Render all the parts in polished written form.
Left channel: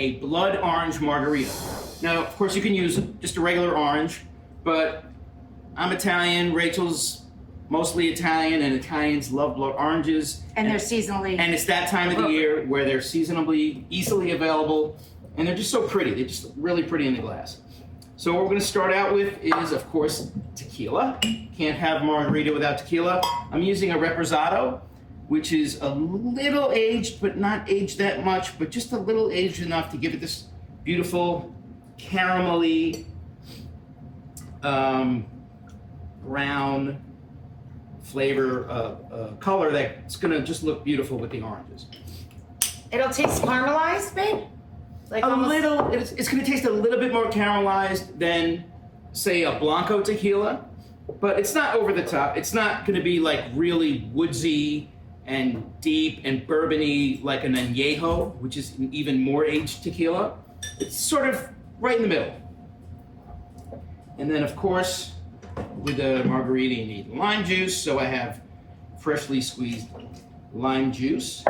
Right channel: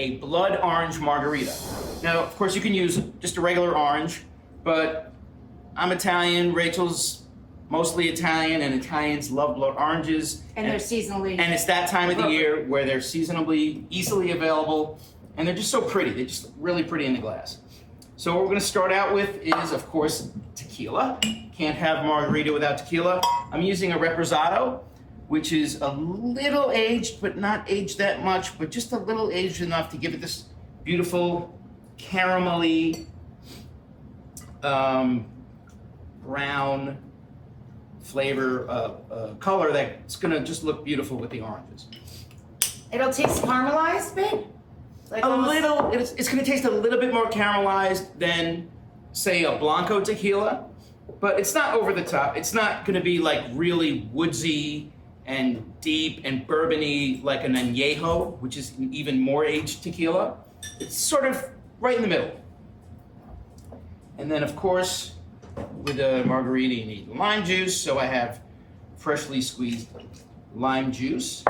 a blood orange margarita. Now, of course, you can use just a regular orange, but I'm Italian, Rachel's mostly Italian, and Italians love blood oranges. And they're seasonally. And it's that time of the year where they're seasonably, easily available, and they're just so pretty. They're just really pretty in the glass. So what we're gonna start out with is, of course, tequila. Can't have margarita without tequila. I'm using a Reposado, which is a little aged, but not aged that much, but just a little aged enough to give it this beautiful caramelly brown flavor color that's gonna just look beautiful with the oranges. It'll taste caramelized, babe? Like Little, it's gonna taste a little bit more caramelized than, say, a Blanco tequila, but it's not over the top. It's not gonna be like really woodsy and deep and bourbony like an añejo, which is an even more aged tequila. It's sort of right in the middle. And then, of course, with the margarita, you need lime juice, so I have freshly squeezed lime juice.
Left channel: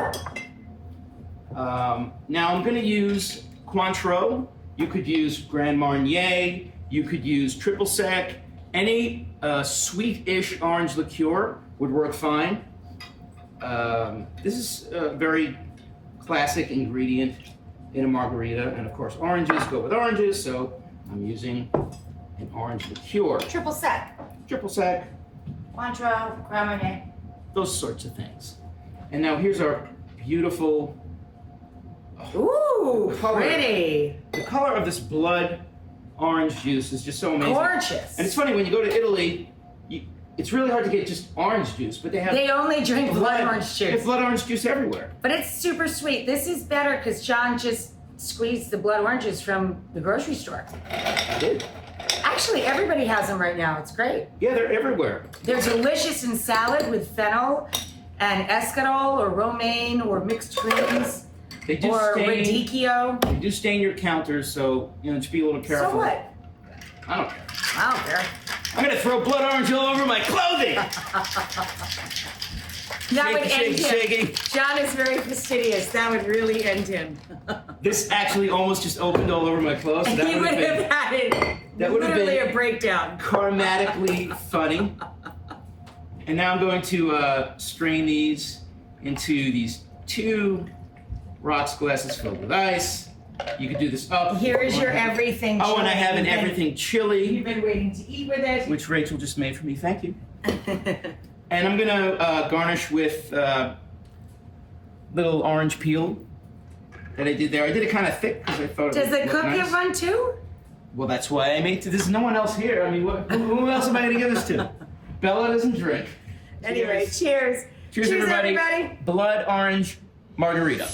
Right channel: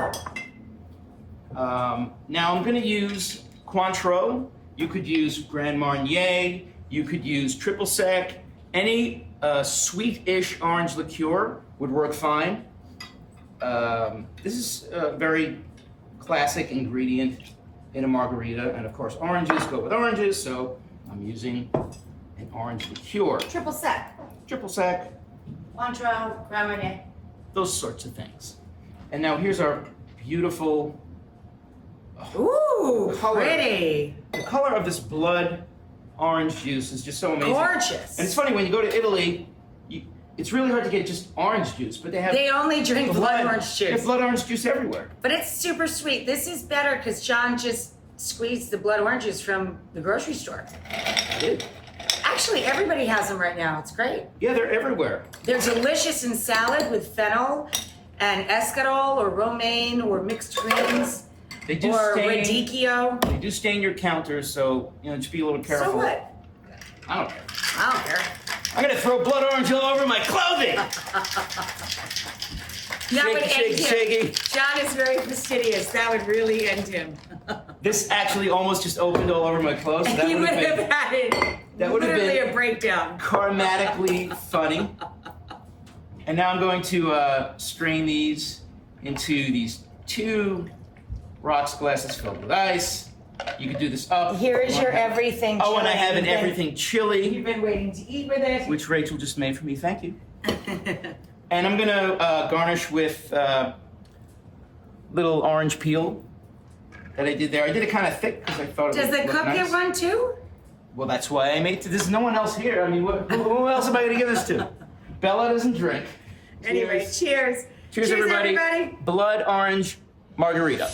Now I'm gonna use Cointreau. You could use Grand Marnier. You could use Triple Sec. Any sweet-ish orange liqueur would work fine. This is a very classic ingredient in a margarita, and of course oranges go with oranges, so I'm using an orange liqueur. Triple sec. Triple Sec, Cointreau, Grand Marnier. those sorts of things. And now here's our beautiful, Ooh, pretty. the color of this blood orange juice is just so amazing. Gorgeous. And it's funny, when you go to Italy, it's really hard to get just orange juice, but They only drink blood orange They have juice. blood orange juice everywhere. But it's super sweet. This is better because John just squeezed the blood oranges from the grocery store. I did. Actually, everybody has them right now. It's great. Yeah, they're everywhere. They're delicious in salad with fennel and escarole or romaine or mixed greens They do or stain. radicchio. They do stain your counters, so just be a little careful. So what? I don't care. I don't care. I'm gonna throw blood orange all over my clothing. That would end Shaky, him. shaky. John is very fastidious. That would really end him. This actually almost just opened all over my clothes. So that He would have had it that would have literally been a breakdown. karmatically funny. And now I'm going to strain these into these 2 rocks glasses filled with ice. You can do this up. Here's your everything. Oh, and I have an chili. everything chili, You've been waiting to eat with it. which Rachel just made for me. Thank you. And I'm gonna garnish with little orange peel that I did there. I did it kind of thick because I thought it Does would the look cook nice. get one too? Well, that's why I made. There's no one else here. I mean, who else am I gonna give this to? Bella doesn't drink. Anyway, cheers. Cheers, everybody. Blood orange margarita.